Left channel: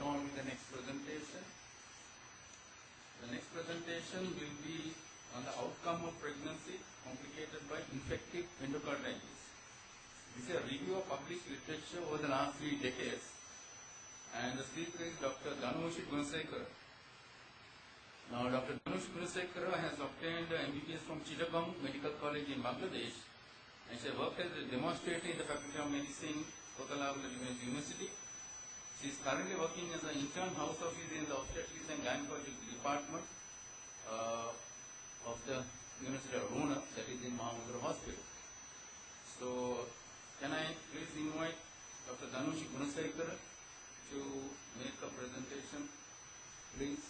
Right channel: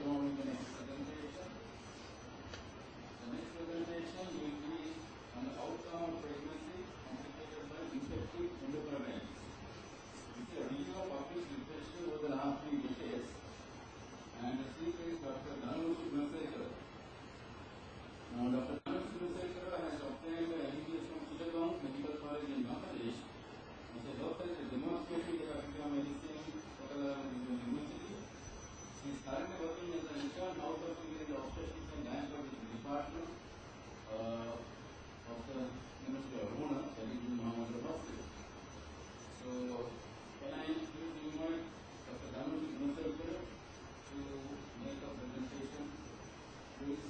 get on with the next presentation. The next presentation will be on the outcome of pregnancy complicated by infective endocarditis. This is a review of published literature over the last 3 decades. And the speaker is Dr. Danushi Gunasekara. Now, Dr. Danushi Gunasekara has obtained MBBS from Chittagong Medical College in Bangladesh, and she worked as a demonstrator in the Faculty of Medicine, Kottala University. She is currently working as an intern house office in the obstetrics and gynecology department of the University of Rona, that is in Mahamudra Hospital. So, can I please invite Dr. Danushi Gunasekara to make a presentation, please?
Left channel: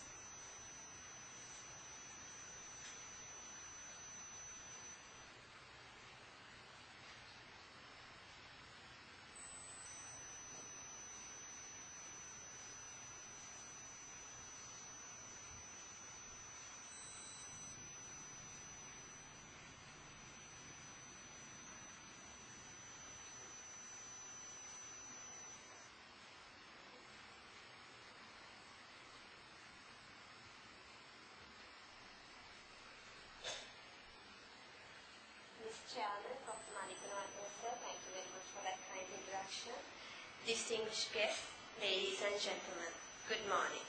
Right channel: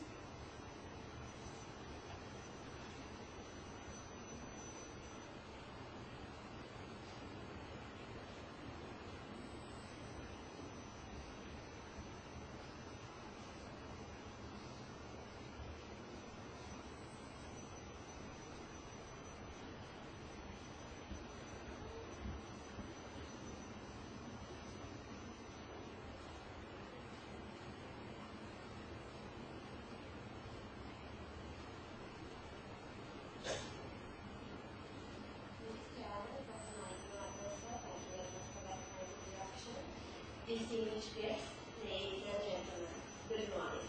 Distinguished guests, ladies and gentlemen, good morning.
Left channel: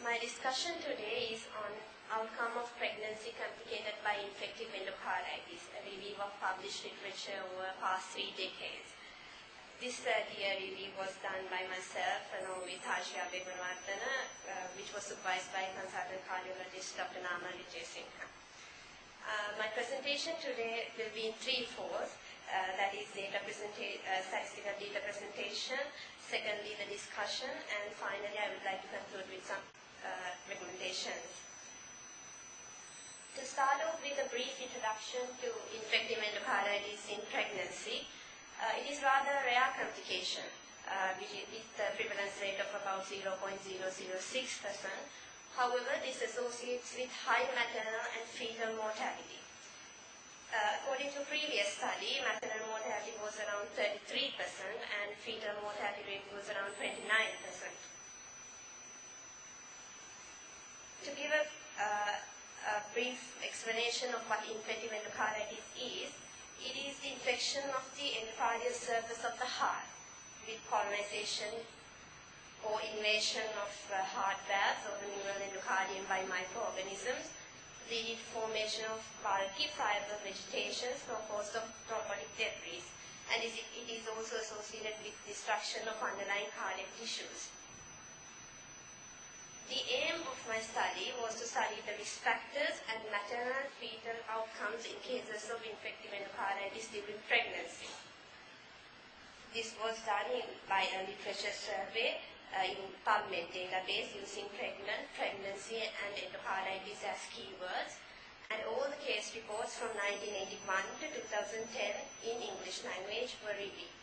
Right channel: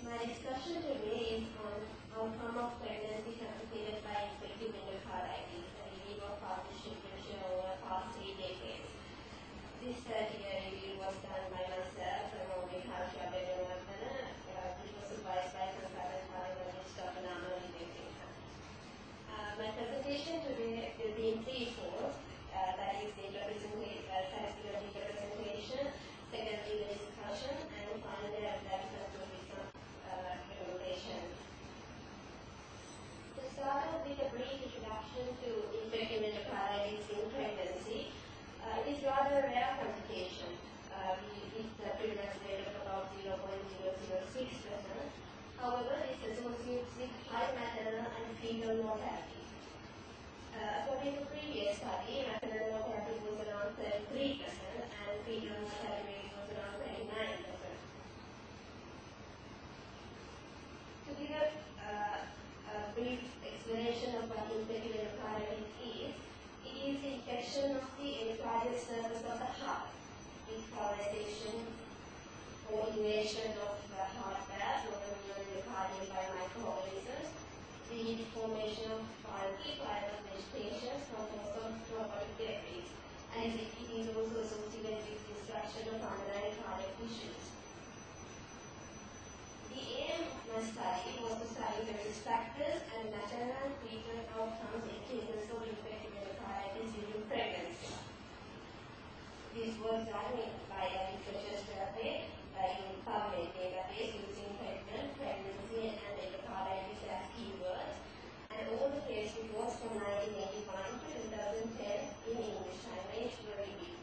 My discussion today is on outcome of pregnancy complicated by infective endocarditis, a review of published literature over the past 3 decades. This third-year review was done by myself along with Harshi Abeygoonawardena, which was supervised by consultant cardiologist Dr. Namal Wijesinghe. My presentation today will be in 3 folds. That is statistical data presentation, secondly the discussion, and finally I would like to conclude with some recommendations. To start off with a brief introduction to infective endocarditis in pregnancy, it is rather a rare complication, which is the prevalence rate of about 0.006%. However, this associates with high maternal and fetal mortality. According to previous study, maternal mortality was around 33% and fetal mortality rate was around 29%. To give a brief explanation of what infective endocarditis is, it is the infection of the endocardial surface of the heart with colonization or invasion of heart valves or the neural endocardium by microorganisms, leading to formation of bulky fiber vegetations composed of thrombotic debris, and it is also associated with destruction of underlying cardiac tissues. The aim of my study was to study the risk factors and maternal and fetal outcomes in cases of infective endocarditis during pregnancy. This was done by a literature survey in PubMed database using pregnant, pregnancy, and endocarditis as keywords, and all the case reports from 1981 to 2010 in English language were reviewed.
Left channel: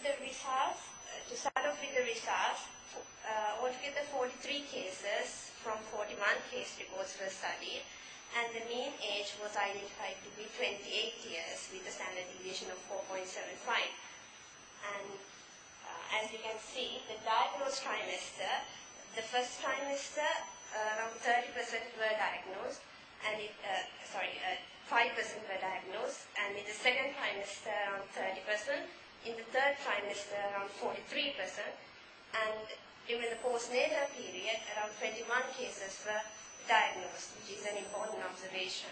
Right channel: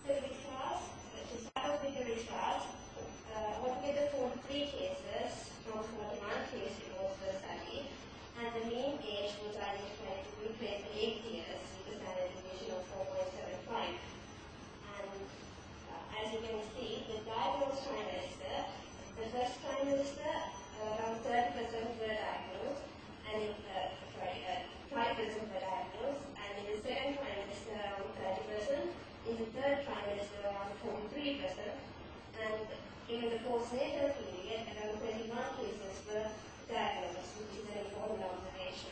The results, to start off with the results, altogether 43 cases from 41 case reports were studied, and the mean age was identified to be 28 years with a standard deviation of 4.75. As you can see, the diagnosed trimester, the first trimester, around 30% were diagnosed, and 5% were diagnosed, and in the second trimester, around 30%, in the third trimester, around 43%, and during the postnatal period, around 21 cases were diagnosed, which is an important observation.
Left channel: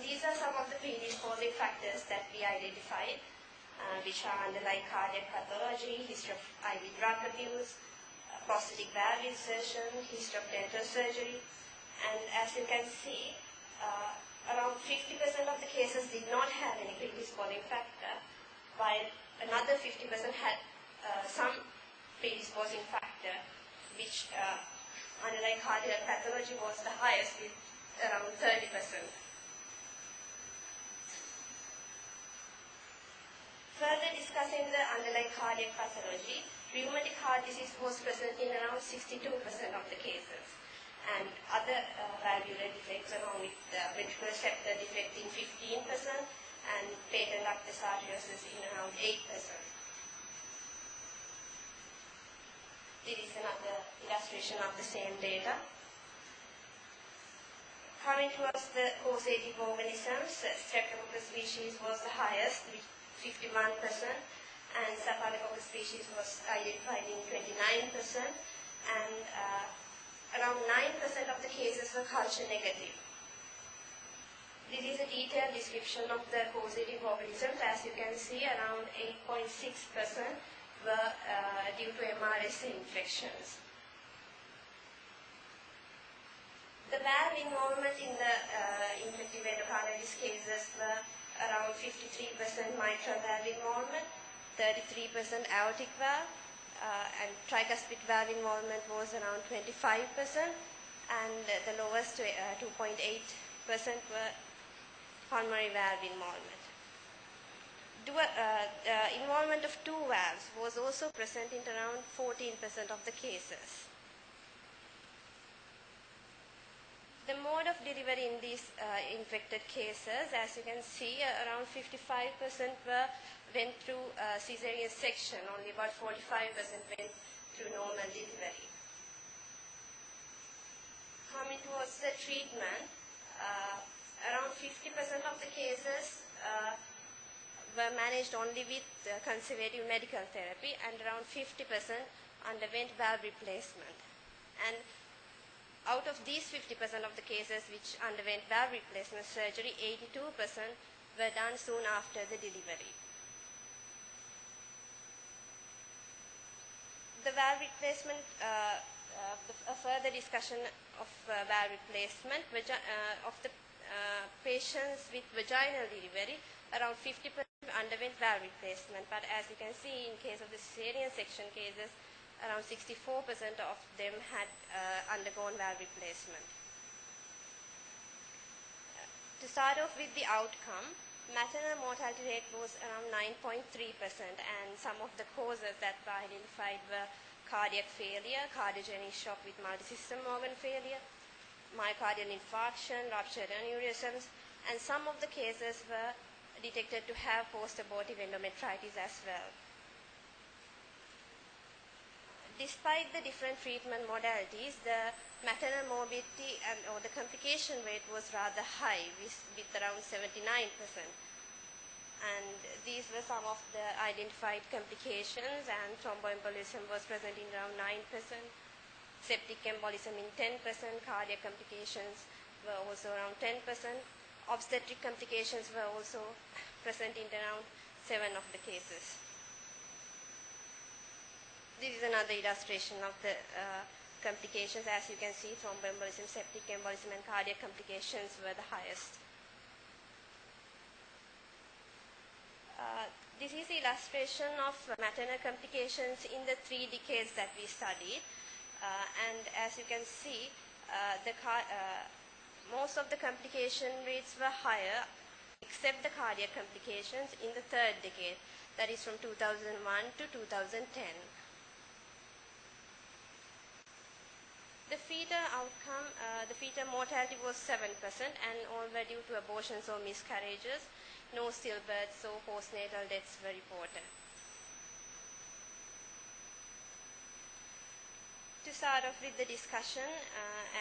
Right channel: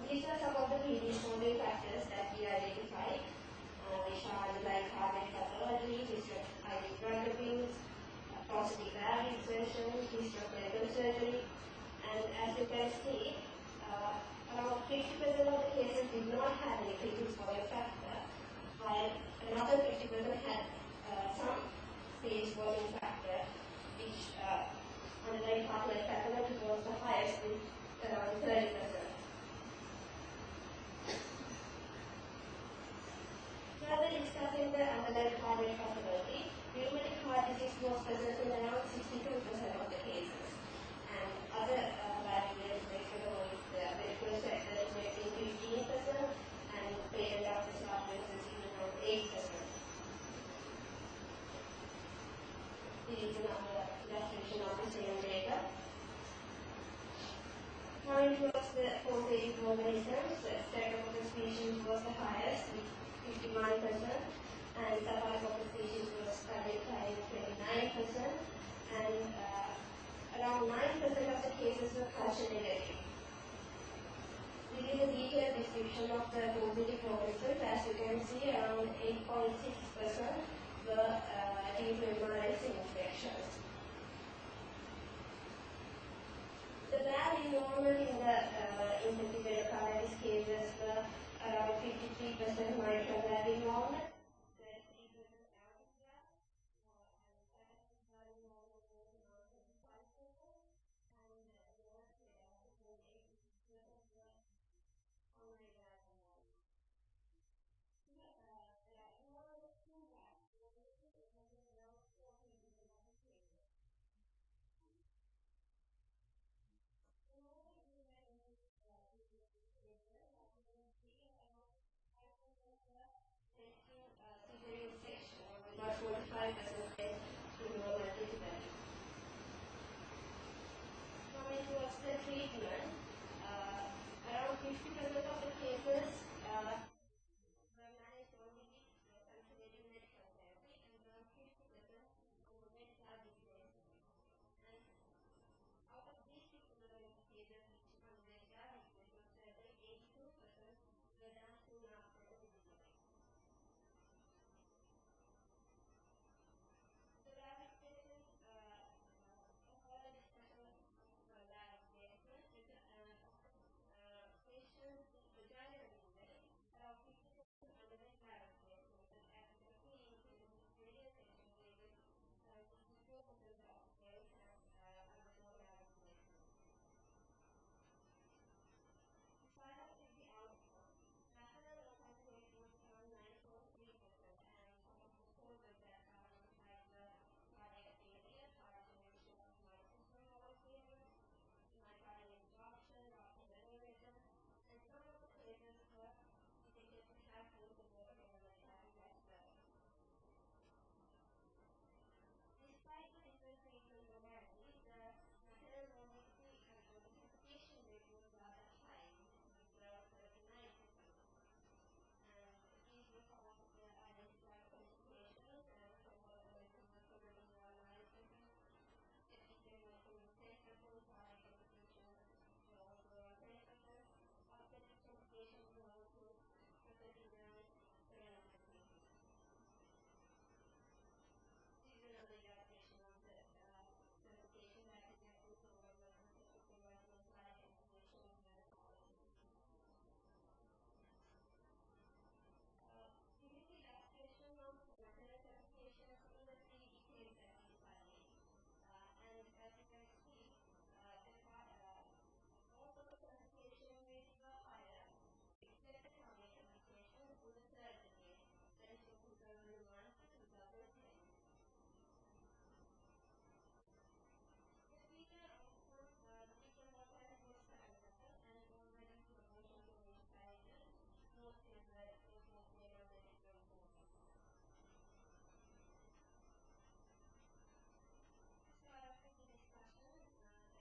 These are some of the predisposing factors that we identified, which are underlying cardiac pathology, history of IV drug abuse, prosthetic valve insertion, history of dental surgery, and as you can see, around 50% of the cases did not have any predisposing factor, while another 50% had some predisposing factor, which underlying cardiac pathology was the highest with around 30%. Further discussing the underlying cardiac pathology, rheumatic heart disease was present in around 62% of the cases, and other valvular defects along with ventricular septal defect in 15% and patent ductus arteriosus in around 8%. This is another illustration of the same data. Coming towards the causative organisms, Streptococcus species was the highest with 51%, and Staphylococcus species was identified in 29%, and around 9% of the cases were culture negative. This is a detailed description of the causative organisms. As you can see, around 8.6% were due to MRSA infections. The valve involvement in the infective endocarditis cases were around 53% mitral valve involvement, 33% aortic valve, and tricuspid valve involvement was around 25%, and the lowest 2.8% were pulmonary valve involvement. Involvement of two valves was also present in around 14% of the cases. The mode of delivery in these infected cases, as you can see, around 55% went through caesarean section, only about 45% went through normal delivery. Coming towards the treatment, around 50% of the cases were managed only with conservative medical therapy, and around 50% underwent valve replacement. And out of these 50% of the cases which underwent valve replacement surgery, 82% were done soon after the delivery. The valve replacement, a further discussion of valve replacement of the patients with vaginal delivery, around 50% underwent valve replacement, but as you can see, in case of the cesarean section cases, around 64% of them had undergone valve replacement. To start off with the outcome, maternal mortality rate was around 9.3%, and some of the causes that were identified were cardiac failure, cardiogenic shock with multisystem organ failure, myocardial infarction, ruptured aneurysms, and some of the cases were detected to have post-abortive endometritis as well. Despite the different treatment modalities, the maternal morbidity or the complication rate was rather high, with around 79%. And these were some of the identified complications, and thromboembolism was present in around 9%, septic embolism in 10%, cardiac complications were also around 10%, obstetric complications were also present in around 7 of the cases. This is another illustration of the complications. As you can see, thromboembolism, septic embolism, and cardiac complications were the highest. This is the illustration of maternal complications in the 3 decades that we studied. And as you can see, most of the complication rates were higher, except the cardiac complications in the 3rd decade, that is from 2001 to 2010. The fetal outcome, the fetal mortality was 7%, and all were due to abortions or miscarriages. No stillbirths or postnatal deaths were reported. To start off with the discussion,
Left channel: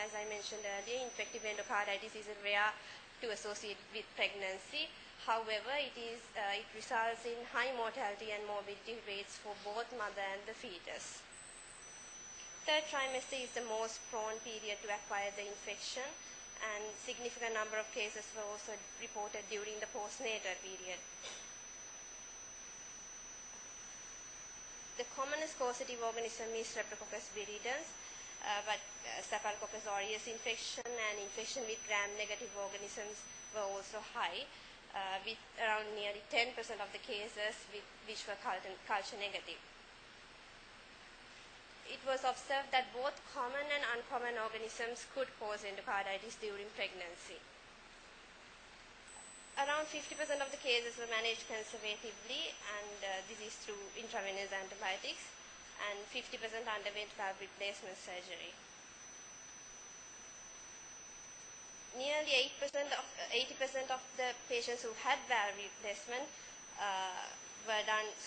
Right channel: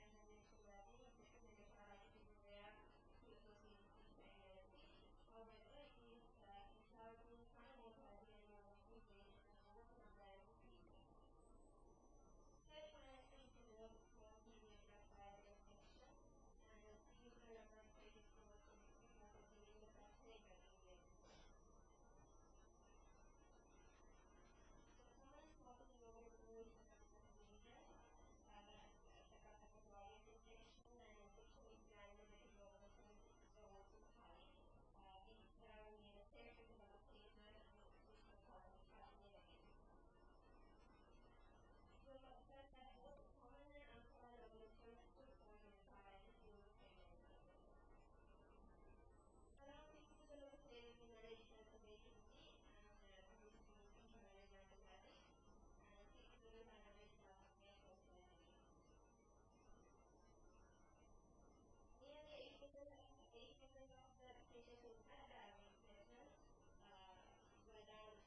as I mentioned earlier, infective endocarditis is rare to associate with pregnancy. However, it results in high mortality and morbidity rates for both mother and the fetus. 3rd trimester is the most prone period to acquire the infection, and significant number of cases were also reported during the postnatal period. The commonest causative organism is Streptococcus viridans, but Staphylococcus aureus infection and infection with gram-negative organisms were also high, with around nearly 10% of the cases which were culture negative. It was observed that both common and uncommon organisms could cause endocarditis during pregnancy. Around 50% of the cases were managed conservatively, and this is through intravenous antibiotics, and 50% underwent valve replacement surgery. Nearly 80% of the patients who had valve replacement